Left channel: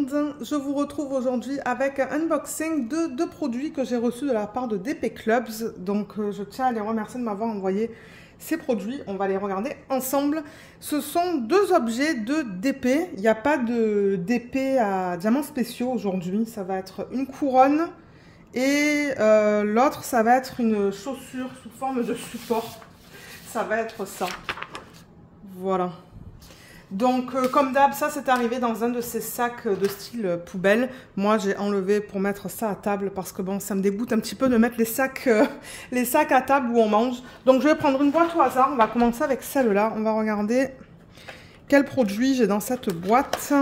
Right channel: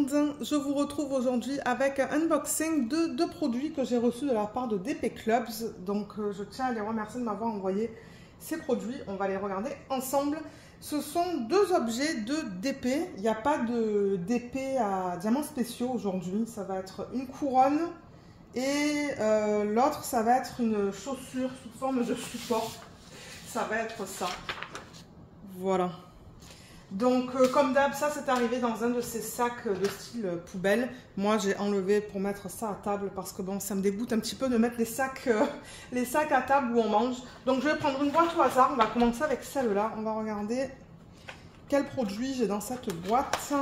monde, je vous retrouve aujourd'hui avec un unboxing de deux produits que j'ai reçus de la part de DP Clubs. Donc je tiens à les remercier de m'avoir envoyé ces produits, on va les regarder ensemble. Ce sont deux objets de DP, il n'y a pas de DP à diamants spéciaux aujourd'hui, ça va être une couronne et l'autre ça va être une chaussure sous forme de support, ça va être ça, voilà. Donc, comme d'hab, ça c'est arrivé dans un de ces sacs de style poubelle. Moi, j'ai enlevé pour mettre ça à table parce que bon, ça me dégoûte un petit peu de mettre les sacs à table où on mange. Donc, je vais prendre une boîte au hasard. On va commencer avec celle-là. On va regarder quel produit j'ai dans cette boîte.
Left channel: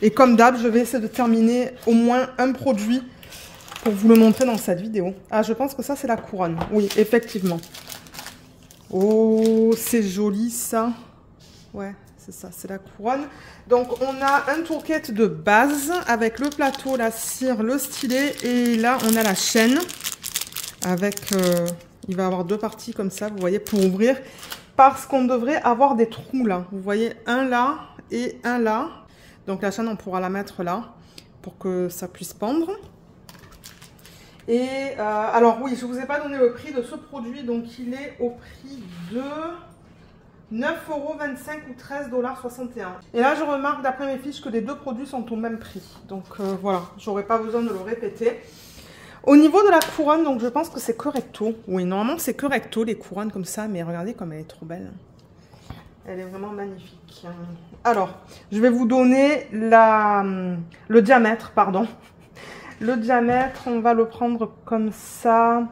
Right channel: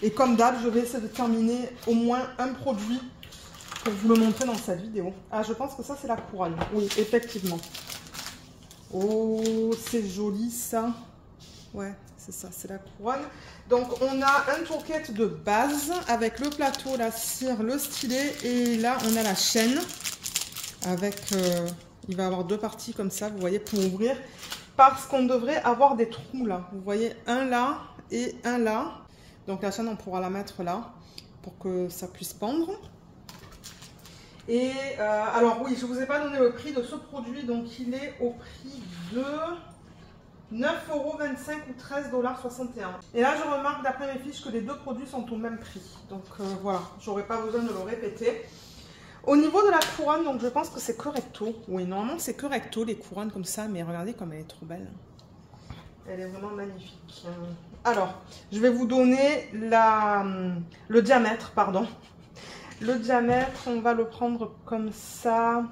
Et comme d'hab, je vais essayer de terminer au moins un produit pour vous le montrer dans cette vidéo. Ah, je pense que ça, c'est la couronne. Oui, effectivement. Oh, c'est joli ça. Ouais, c'est ça, c'est la couronne. Donc, on a un toolkit de base avec le plateau, la cire, le stylet. Et là, on a la chaîne avec... il va y avoir deux parties comme ça, vous voyez, pour ouvrir. Parce qu'on devrait avoir des trous là. Vous voyez, un là et un là. Donc, la chaîne, on pourra la mettre là pour que ça puisse pendre. Et alors, oui, je ne vous ai pas donné le prix de ce produit. Donc, il est au prix de... 9,25 € ou 13,61 $. Et là, je remarque d'après mes fiches que les deux produits sont au même prix. Donc voilà, j'aurais pas besoin de le répéter. Au niveau de la couronne, donc je pense que c'est correcto. Oui, normalement c'est correcto les couronnes comme ça, mais regardez comme elle est trop belle. Elle est vraiment magnifique. Alors, je vais vous donner le diamètre, pardon. Le diamètre, on va le prendre comme ça.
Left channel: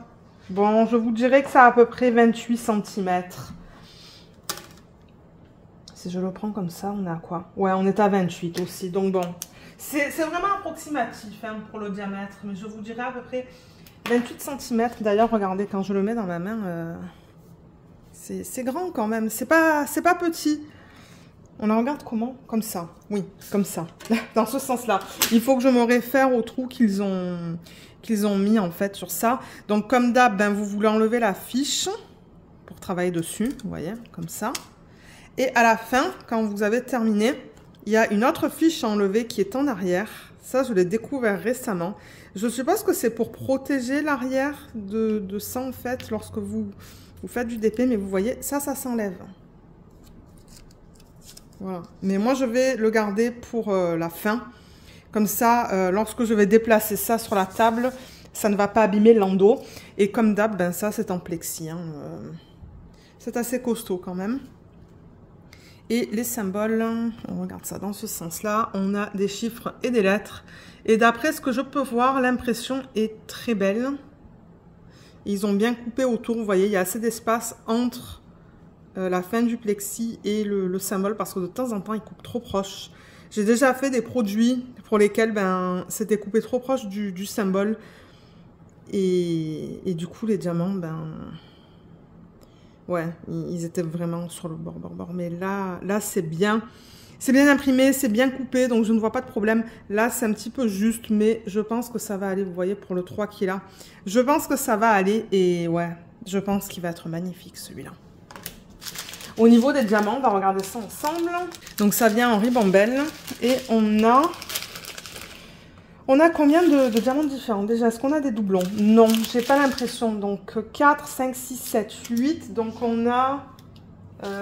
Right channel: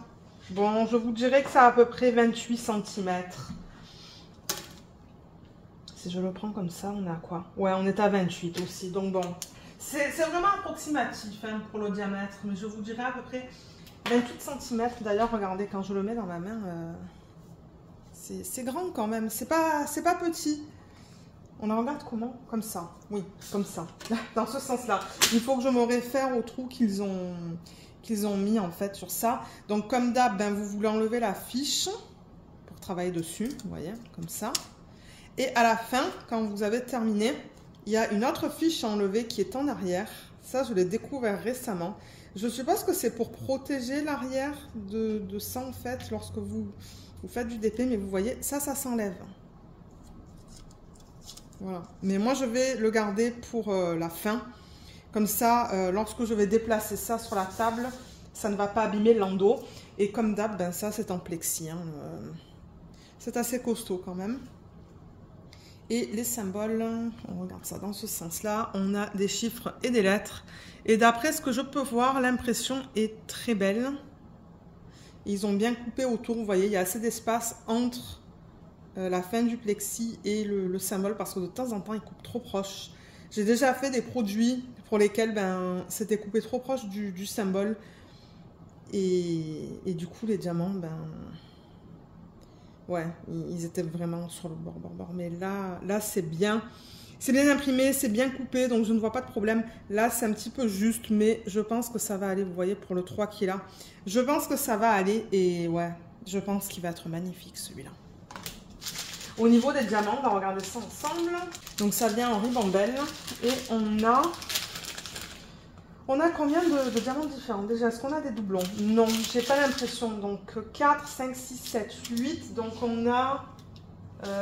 Bon, je vous dirais que ça a à peu près 28 cm. Si je le prends comme ça, on est à quoi? Ouais, on est à 28 aussi. Donc bon, c'est vraiment approximatif hein, pour le diamètre. Mais je vous dirais à peu près 28 cm. D'ailleurs, regardez, quand je le mets dans ma main, c'est grand quand même. C'est pas petit. On la regarde comment? Comme ça. Oui, comme ça. Dans ce sens-là. Il faut que je me réfère au trou qu'ils ont mis en fait sur ça. Donc comme d'hab, ben, vous voulez enlever la fiche pour travailler dessus. Vous voyez, comme ça. Et à la fin, quand vous avez terminé, il y a une autre fiche à enlever qui est en arrière. Ça, je l'ai découvert récemment. Je suppose que c'est pour protéger l'arrière de ça, en fait, lorsque vous faites du DP. Mais vous voyez, ça s'enlève. Voilà. Mais moi, je vais le garder pour la fin. Comme ça, lorsque je vais déplacer ça sur la table, ça ne va pas abîmer l'endos. Et comme d'hab, ben, ça, c'est en plexi. Hein. C'est assez costaud quand même. Et les symboles, on regarde ça dans ce sens-là, on a des chiffres et des lettres. Et d'après ce que je peux voir, l'impression est très belle. Ils ont bien coupé autour, vous voyez, il y a assez d'espace entre la fin du plexi et le symbole, parce que de temps en temps, ils coupent trop proche. J'ai déjà fait des produits pour lesquels ben, c'était coupé trop proche du symbole. Et du coup, les diamants, ben... ouais, ils étaient vraiment sur le bord. Mais là c'est bien imprimé, c'est bien coupé, donc je ne vois pas de problème. Là, c'est un petit peu juste, mais je pense que ça va aller, vous voyez, pour le 3 qui est là. Je pense que ça va aller, et ouais, je pense qu'il va être magnifique, celui-là. Au niveau des diamants, on va regarder ça ensemble. Donc, ça vient en ribambelle, et on a combien de diamants différents? Déjà, est-ce qu'on a des doublons? Non, j'ai pas l'impression. Donc, 4, 5, 6, 7, 8. Donc, on a,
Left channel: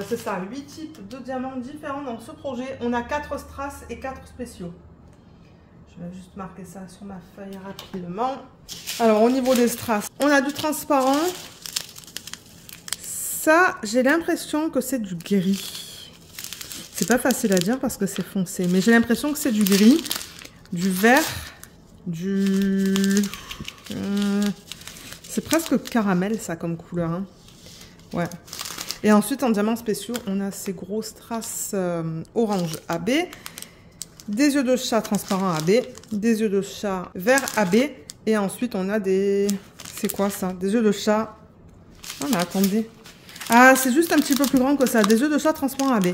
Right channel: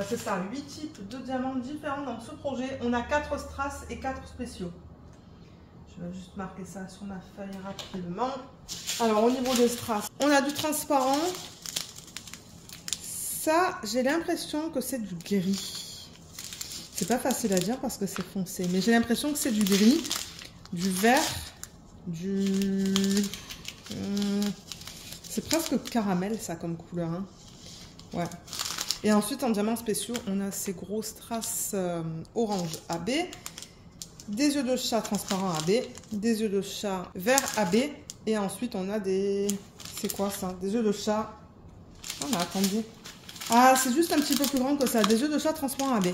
c'est ça, 8 types de diamants différents dans ce projet. On a 4 strass et 4 spéciaux. Je vais juste marquer ça sur ma feuille rapidement. Alors, au niveau des strass, on a du transparent. Ça, j'ai l'impression que c'est du gris. C'est pas facile à dire parce que c'est foncé. Mais j'ai l'impression que c'est du gris, du vert... c'est presque caramel ça comme couleur hein. Ouais. Et ensuite en diamants spéciaux on a ces gros strass orange AB, des yeux de chat transparents AB, des yeux de chat vert AB, et ensuite on a des... c'est quoi ça? Des yeux de chat... oh mais attendez, ah c'est juste un petit peu plus grand que ça, des yeux de chat transparents AB.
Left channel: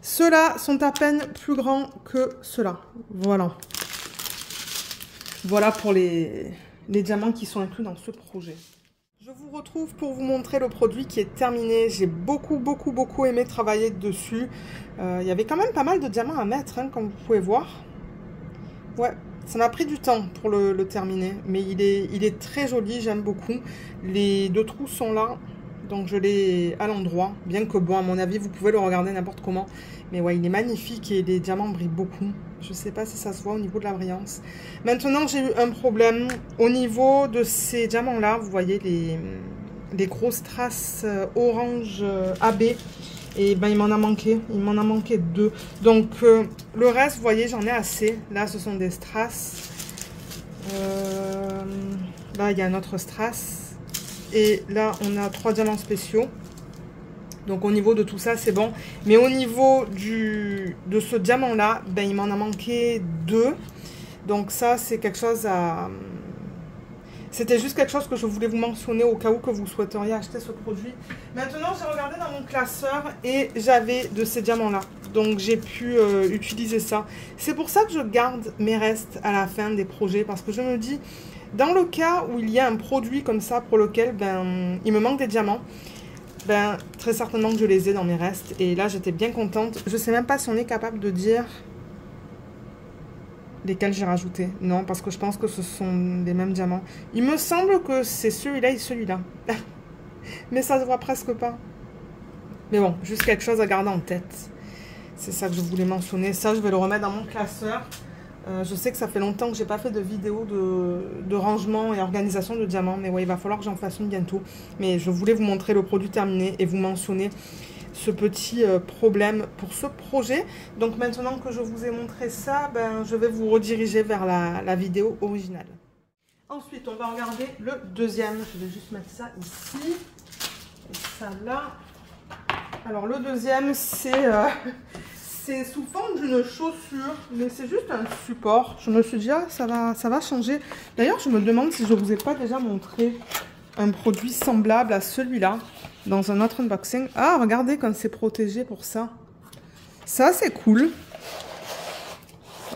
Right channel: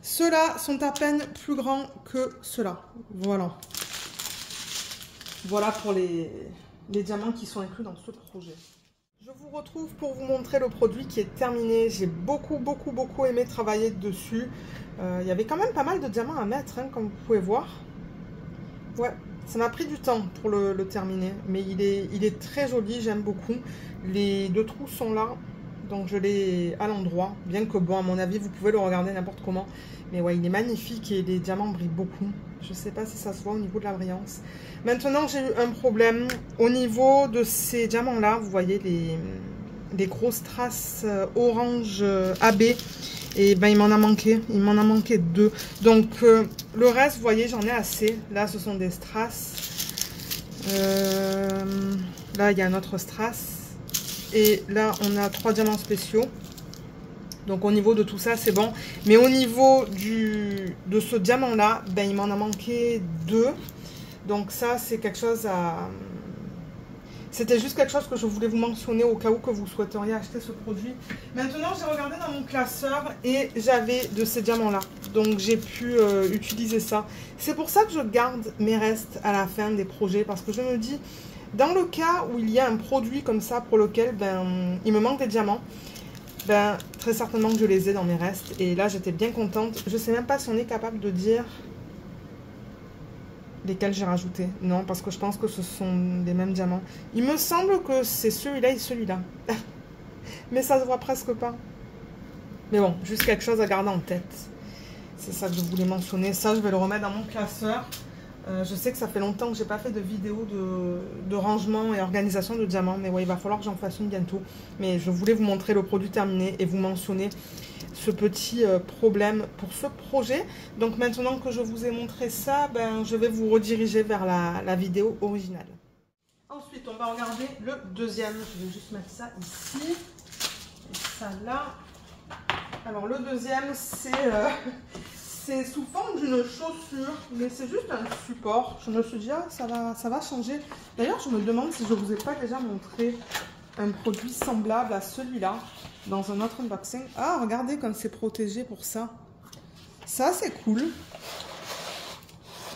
Ceux-là sont à peine plus grands que ceux-là. Voilà. Voilà pour les diamants qui sont inclus dans ce projet. Je vous retrouve pour vous montrer le produit qui est terminé. J'ai beaucoup aimé travailler dessus. Il y avait quand même pas mal de diamants à mettre, hein, comme vous pouvez voir. Ouais, ça m'a pris du temps pour le terminer, mais il est très joli, j'aime beaucoup. Les deux trous sont là, donc je l'ai à l'endroit, bien que bon, à mon avis, vous pouvez le regarder n'importe comment. Mais ouais, il est magnifique et les diamants brillent beaucoup. Je sais pas si ça se voit au niveau de la brillance. Maintenant, j'ai eu un problème au niveau de ces diamants-là. Vous voyez les grosses traces orange AB. Et ben, il m'en a manqué. Il m'en a manqué 2. Donc, le reste, vous voyez, j'en ai assez. Là, ce sont des strass. Là, il y a un autre strass. Et là, on a 3 diamants spéciaux. Donc au niveau de tout ça, c'est bon. Mais au niveau de ce diamant-là, ben, il m'en a manqué 2. Donc ça, c'est quelque chose à... C'était juste quelque chose que je voulais vous mentionner au cas où que vous souhaiteriez acheter ce produit. Maintenant, j'ai regardé dans mon classeur et j'avais de ces diamants-là. Donc j'ai pu utiliser ça. C'est pour ça que je garde mes restes à la fin des projets. Parce que je me dis, dans le cas où il y a un produit comme ça pour lequel ben, il me manque des diamants, ben, très certainement que je les ai dans mes restes. Et là, j'étais bien contente. Je sais même pas si on est capable de dire lesquels j'ai rajouté. Non, parce que je pense que ce sont les mêmes diamants. Il me semble que c'est celui-là et celui-là. Mais ça se voit presque pas. Mais bon, juste quelque chose à garder en tête. C'est ça que je voulais mentionner. Ça, je vais le remettre dans mon classeur. Je sais que ça fait longtemps que j'ai pas fait de vidéo de rangement et organisation de diamants. Mais ouais, il va falloir que j'en fasse une bientôt. Mais je voulais vous montrer le produit terminé et vous mentionner ce petit problème pour ce projet. Donc maintenant que je vous ai montré ça, ben, je vais vous rediriger vers la vidéo originale. Ensuite, on va regarder le deuxième. Je vais juste mettre ça ici. Et ça là. Alors le deuxième, c'est sous forme d'une chaussure, mais c'est juste un support. Je me suis dit, ah, ça va changer. D'ailleurs, je me demande si je ne vous ai pas déjà montré un produit semblable à celui-là dans un autre unboxing. Ah, regardez comme c'est protégé pour ça. Ça, c'est cool.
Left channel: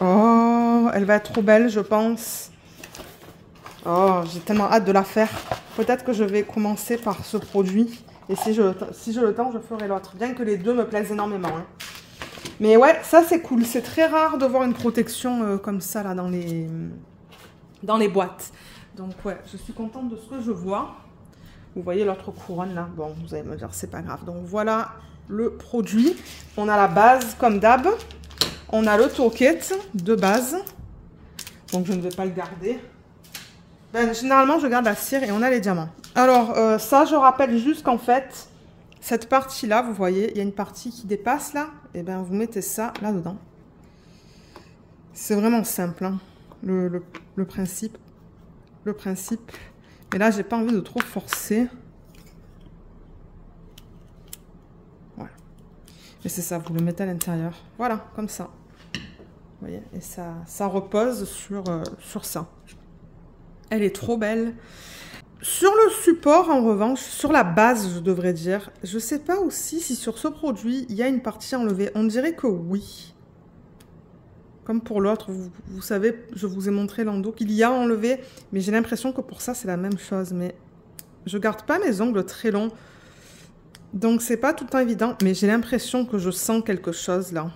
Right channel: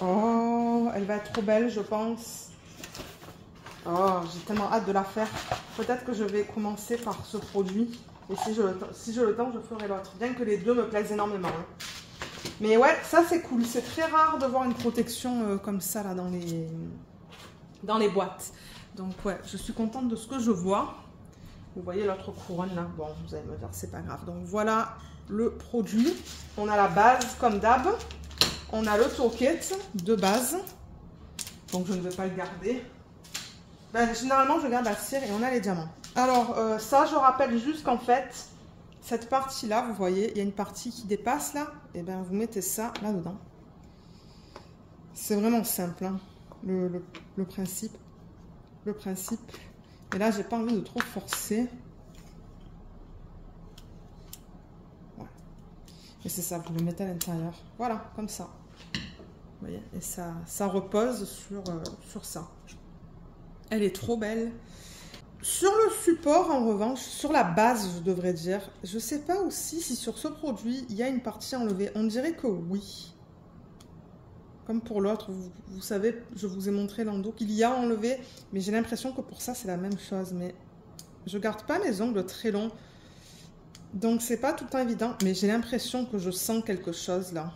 Oh, elle va être trop belle, je pense. Oh, j'ai tellement hâte de la faire. Peut-être que je vais commencer par ce produit. Et si j'ai le temps, je ferai l'autre. Bien que les deux me plaisent énormément. Hein. Mais ouais, ça c'est cool. C'est très rare de voir une protection comme ça là dans les boîtes. Donc ouais, je suis contente de ce que je vois. Vous voyez l'autre couronne là. Bon, vous allez me dire, c'est pas grave. Donc voilà le produit. On a la base comme d'hab. On a le toolkit de base. Donc je ne vais pas le garder. Ben, généralement, je garde la cire et on a les diamants. Alors ça, je rappelle juste qu'en fait, cette partie-là, vous voyez, il y a une partie qui dépasse là. Et bien, vous mettez ça là-dedans. C'est vraiment simple, hein, le principe. Le principe. Mais là, j'ai pas envie de trop forcer. Voilà. Et c'est ça, vous le mettez à l'intérieur. Voilà, comme ça. Vous voyez, et ça repose sur ça. Elle est trop belle. Sur le support, en revanche, sur la base, je devrais dire, je ne sais pas aussi si sur ce produit, il y a une partie enlevée. On dirait que oui. Comme pour l'autre, vous savez, je vous ai montré l'endos qu'il y a enlevé, mais j'ai l'impression que pour ça, c'est la même chose. Mais je garde pas mes ongles très longs, donc c'est pas tout le temps évident, mais j'ai l'impression que je sens quelque chose là.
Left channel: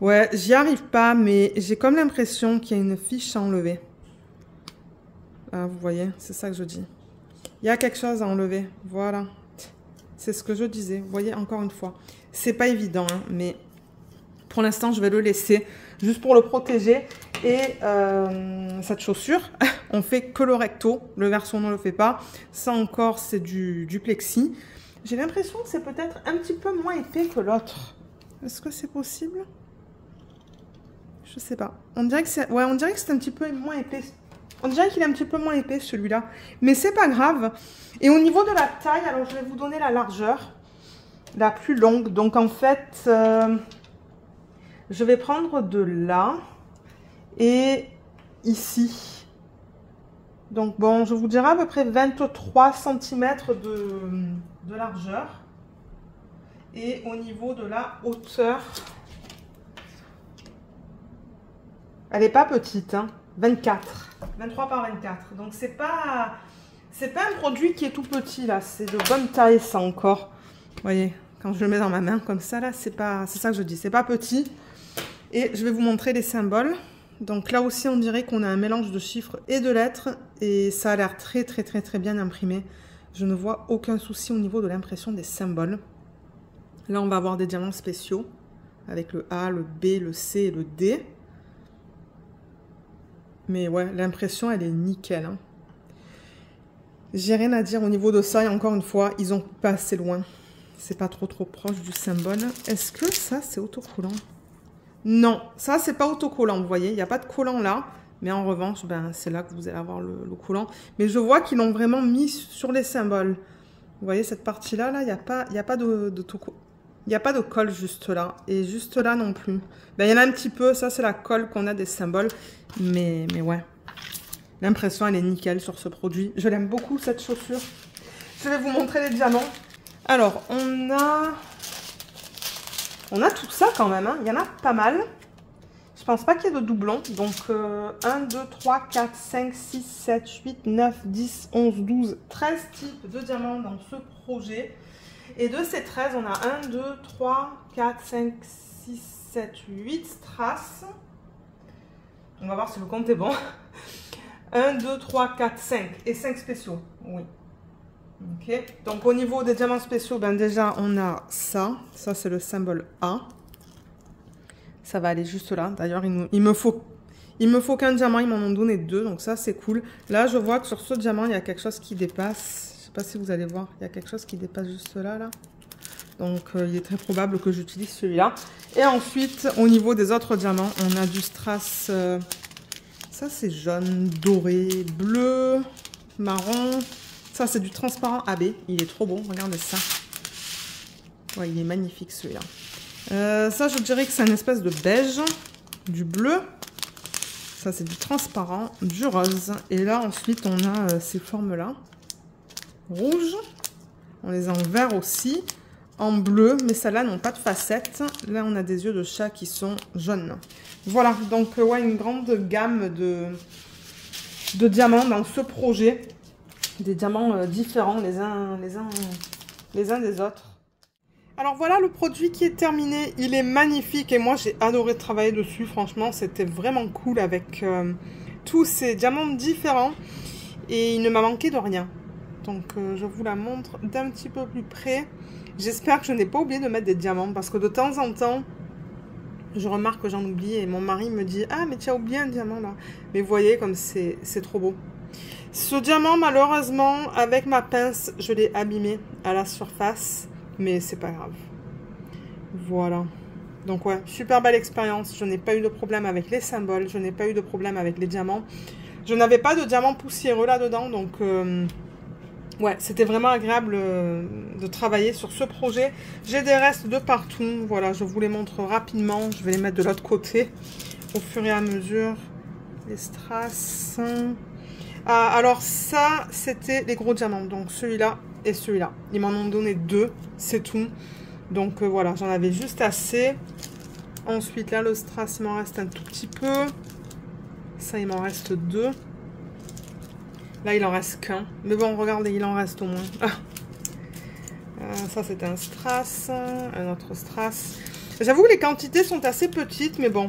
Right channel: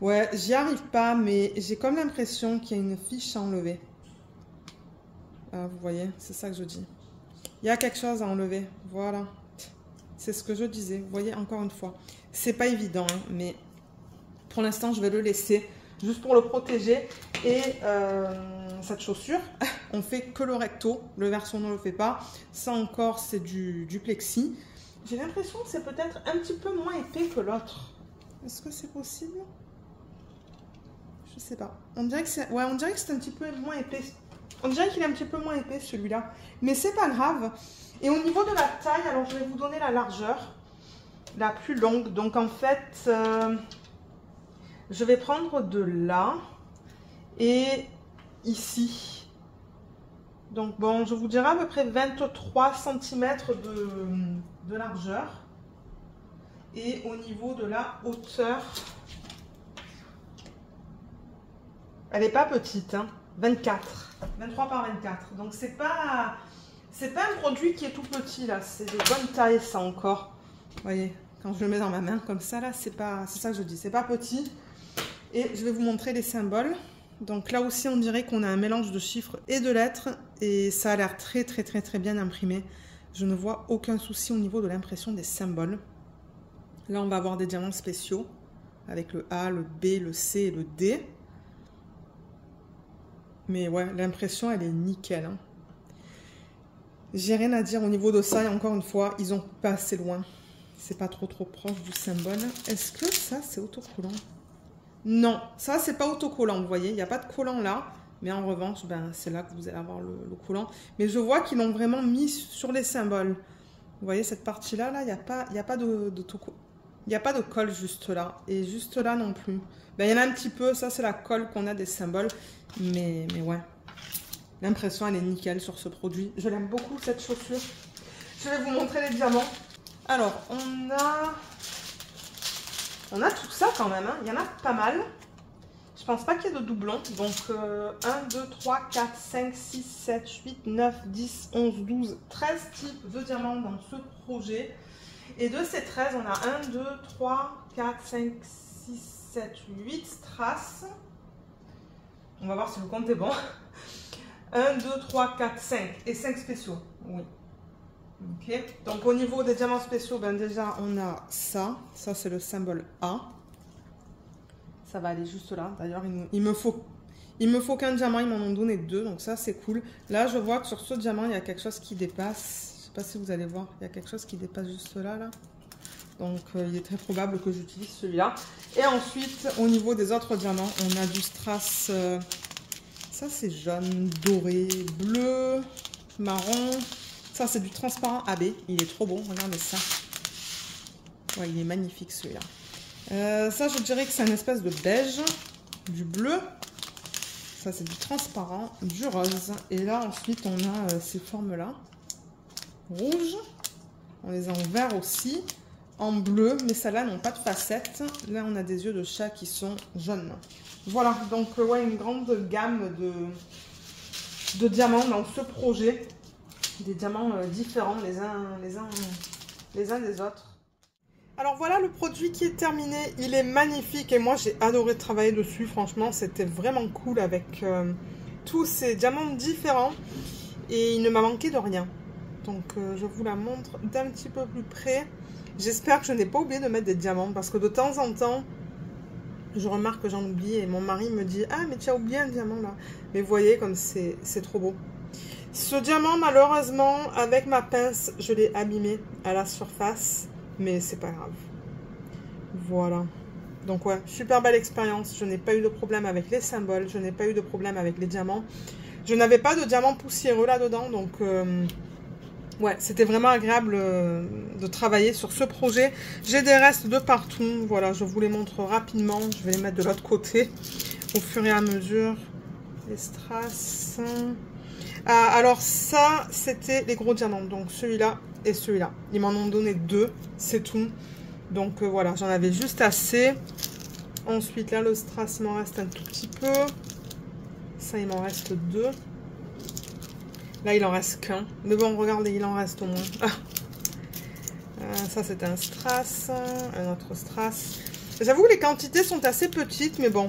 Ouais, j'y arrive pas, mais j'ai comme l'impression qu'il y a une fiche à enlever. Ah, vous voyez, c'est ça que je dis. Il y a quelque chose à enlever. Voilà. C'est ce que je disais. Vous voyez, encore une fois. C'est pas évident, hein, mais pour l'instant, je vais le laisser juste pour le protéger. Et cette chaussure, on fait que le recto. Le verso, on ne le fait pas. Ça encore, c'est du plexi. J'ai l'impression que c'est peut-être un petit peu moins épais que l'autre. Est-ce que c'est possible? Je sais pas. On dirait que c'est un petit peu moins épais. On dirait qu'il est un petit peu moins épais celui-là. Mais c'est pas grave. Et au niveau de la taille, alors je vais vous donner la largeur. La plus longue. Donc en fait, je vais prendre de là. Et ici. Donc bon, je vous dirai à peu près 23 cm de largeur. Et au niveau de la hauteur, elle n'est pas petite, hein. 23 par 24. Donc c'est pas un produit qui est tout petit là, c'est de bonne taille ça encore. Vous voyez, quand je le mets dans ma main comme ça là, c'est ça que je dis, c'est pas petit. Et je vais vous montrer les symboles Donc là aussi, on dirait qu'on a un mélange de chiffres et de lettres. Et ça a l'air très bien imprimé. Je ne vois aucun souci au niveau de l'impression des symboles. Là, on va avoir des diamants spéciaux. Avec le A, le B, le C et le D. Mais ouais, l'impression, elle est nickel. Hein. J'ai rien à dire au niveau de ça. Et encore une fois, ils ont pas assez loin. C'est pas trop proche du symbole. Est-ce que ça, c'est autocollant? Non, ça, c'est pas autocollant, vous voyez. Il n'y a pas de collant là. Mais en revanche, ben, c'est là que vous allez avoir le collant. Mais je vois qu'ils l'ont vraiment mis sur les symboles. Vous voyez, cette partie-là, là, il n'y a pas de colle juste là. Et juste là non plus. Ben, il y en a un petit peu. Ça, c'est la colle qu'on a des symboles. Mais ouais. L'impression, elle est nickel sur ce produit. Je l'aime beaucoup, cette chaussure. Je vais vous montrer les diamants. Alors, on a tout ça quand même, hein. Il y en a pas mal. Je pense pas qu'il y ait de doublons. Donc, 1, 2, 3, 4, 5, 6, 7, 8, 9, 10, 11, 12, 13 types de diamants dans ce projet. Et de ces 13, on a 1, 2, 3, 4, 5, 6, 7, 8 strass. On va voir si le compte est bon. 1, 2, 3, 4, 5 et 5 spéciaux. Oui. Ok, donc au niveau des diamants spéciaux, ben déjà on a ça. Ça c'est le symbole A. Ça va aller juste là. D'ailleurs, il me faut qu'un diamant, ils m'en ont donné 2. Donc ça c'est cool. Là je vois que sur ce diamant, il y a quelque chose qui dépasse. Je sais pas si vous allez voir. Il y a quelque chose qui dépasse juste là. Donc il est très probable que j'utilise celui-là. Et ensuite, au niveau des autres diamants, on a du strass. Ça c'est jaune, doré, bleu, marron. Ça, c'est du transparent AB. Il est trop beau. Regardez ça. Ouais, il est magnifique, celui-là. Ça, je dirais que c'est une espèce de beige. Du bleu. Ça, c'est du transparent. Du rose. Et là, ensuite, on a ces formes-là. Rouge. On les a en vert aussi. En bleu. Mais celles-là n'ont pas de facettes. Là, on a des yeux de chat qui sont jaunes. Voilà. Donc, ouais, une grande gamme de diamants dans ce projet. Des diamants différents les uns des autres. Alors voilà le produit qui est terminé. Il est magnifique et moi j'ai adoré travailler dessus. Franchement, c'était vraiment cool avec tous ces diamants différents. Et il ne m'a manqué de rien. Donc je vous la montre d'un petit peu plus près. J'espère que je n'ai pas oublié de mettre des diamants. Parce que de temps en temps, je remarque que j'en oublie. Et mon mari me dit « Ah mais tu as oublié un diamant là ». Mais vous voyez comme c'est trop beau. Ce diamant, malheureusement, avec ma pince, je l'ai abîmé à la surface. Mais c'est pas grave. Voilà. Donc ouais, super belle expérience. Je n'ai pas eu de problème avec les symboles. Je n'ai pas eu de problème avec les diamants. Je n'avais pas de diamants poussiéreux là-dedans. Donc ouais, c'était vraiment agréable de travailler sur ce projet. J'ai des restes de partout. Voilà, je vous les montre rapidement. Je vais les mettre de l'autre côté au fur et à mesure. Les strass... alors ça, c'était les gros diamants. Donc celui-là et celui-là. Ils m'en ont donné 2, c'est tout. Donc voilà, j'en avais juste assez. Ensuite là, le strass, il m'en reste un tout petit peu. Ça, il m'en reste 2. Là, il en reste qu'un. Mais bon, regardez, il en reste au moins. Ça, c'est un strass. Un autre strass. J'avoue, les quantités sont assez petites, mais bon.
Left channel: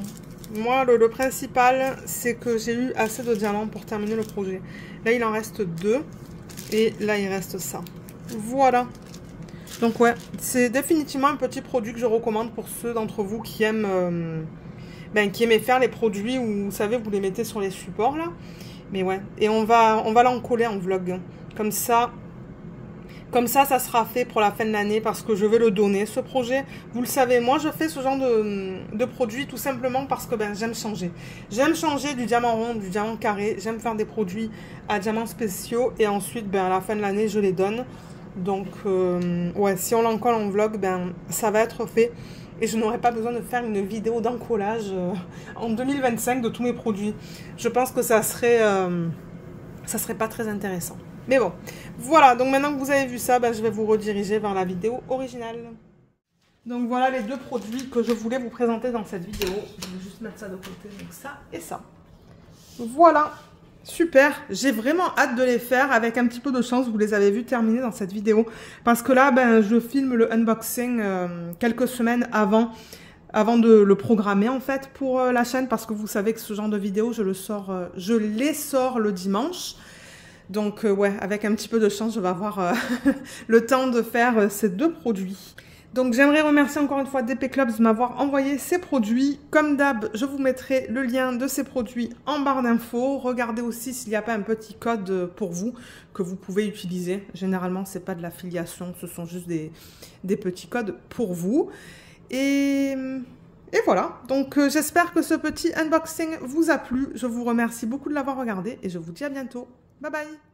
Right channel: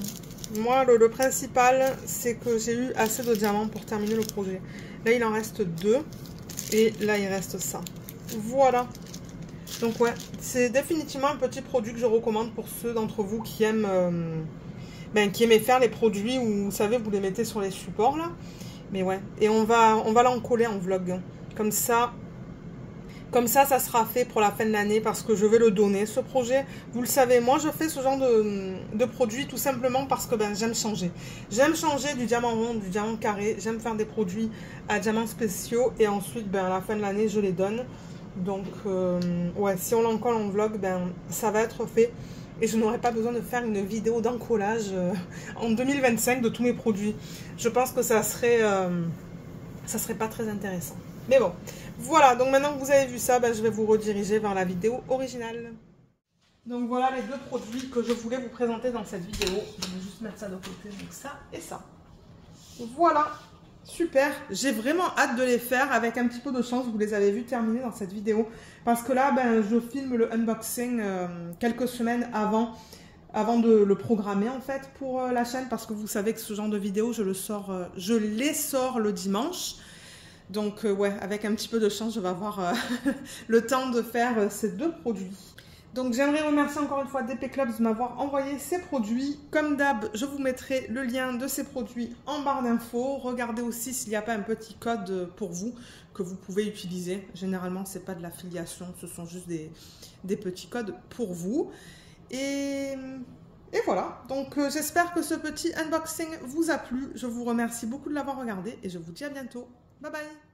Moi, le principal, c'est que j'ai eu assez de diamants pour terminer le projet. Là, il en reste 2. Et là, il reste ça. Voilà. Donc, ouais, c'est définitivement un petit produit que je recommande pour ceux d'entre vous qui aiment qui aimaient faire les produits où, vous savez, vous les mettez sur les supports, là. Mais ouais. Et on va l'en coller en vlog. Comme ça, ça sera fait pour la fin de l'année parce que je vais le donner, ce projet. Vous le savez, moi, je fais ce genre de produit tout simplement parce que j'aime changer. J'aime changer du diamant rond, du diamant carré. J'aime faire des produits à diamants spéciaux. Et ensuite, à la fin de l'année, je les donne. Donc, ouais, si on l'encolle en vlog, ça va être fait. Et je n'aurai pas besoin de faire une vidéo d'encollage en 2025 de tous mes produits. Je pense que ça serait pas très intéressant. Mais bon, voilà, donc maintenant que vous avez vu ça, je vais vous rediriger vers la vidéo originale. Donc voilà les 2 produits que je voulais vous présenter dans cette vidéo. Je vais juste mettre ça de côté, donc ça et ça. Voilà, super. J'ai vraiment hâte de les faire. Avec un petit peu de chance, vous les avez vus terminer dans cette vidéo. Parce que là, je filme le unboxing quelques semaines avant avant de le programmer en fait pour la chaîne, parce que vous savez que ce genre de vidéo, je les sors le dimanche. Donc ouais, avec un petit peu de chance, je vais avoir le temps de faire ces 2 produits. Donc j'aimerais remercier encore une fois DP Clubs de m'avoir envoyé ces produits. Comme d'hab, je vous mettrai le lien de ces produits en barre d'infos. Regardez aussi s'il n'y a pas un petit code pour vous que vous pouvez utiliser. Généralement, ce n'est pas de l'affiliation, ce sont juste des petits codes pour vous. Et voilà, donc j'espère que ce petit unboxing vous a plu. Je vous remercie beaucoup de l'avoir regardé et je vous dis à bientôt. Bye bye!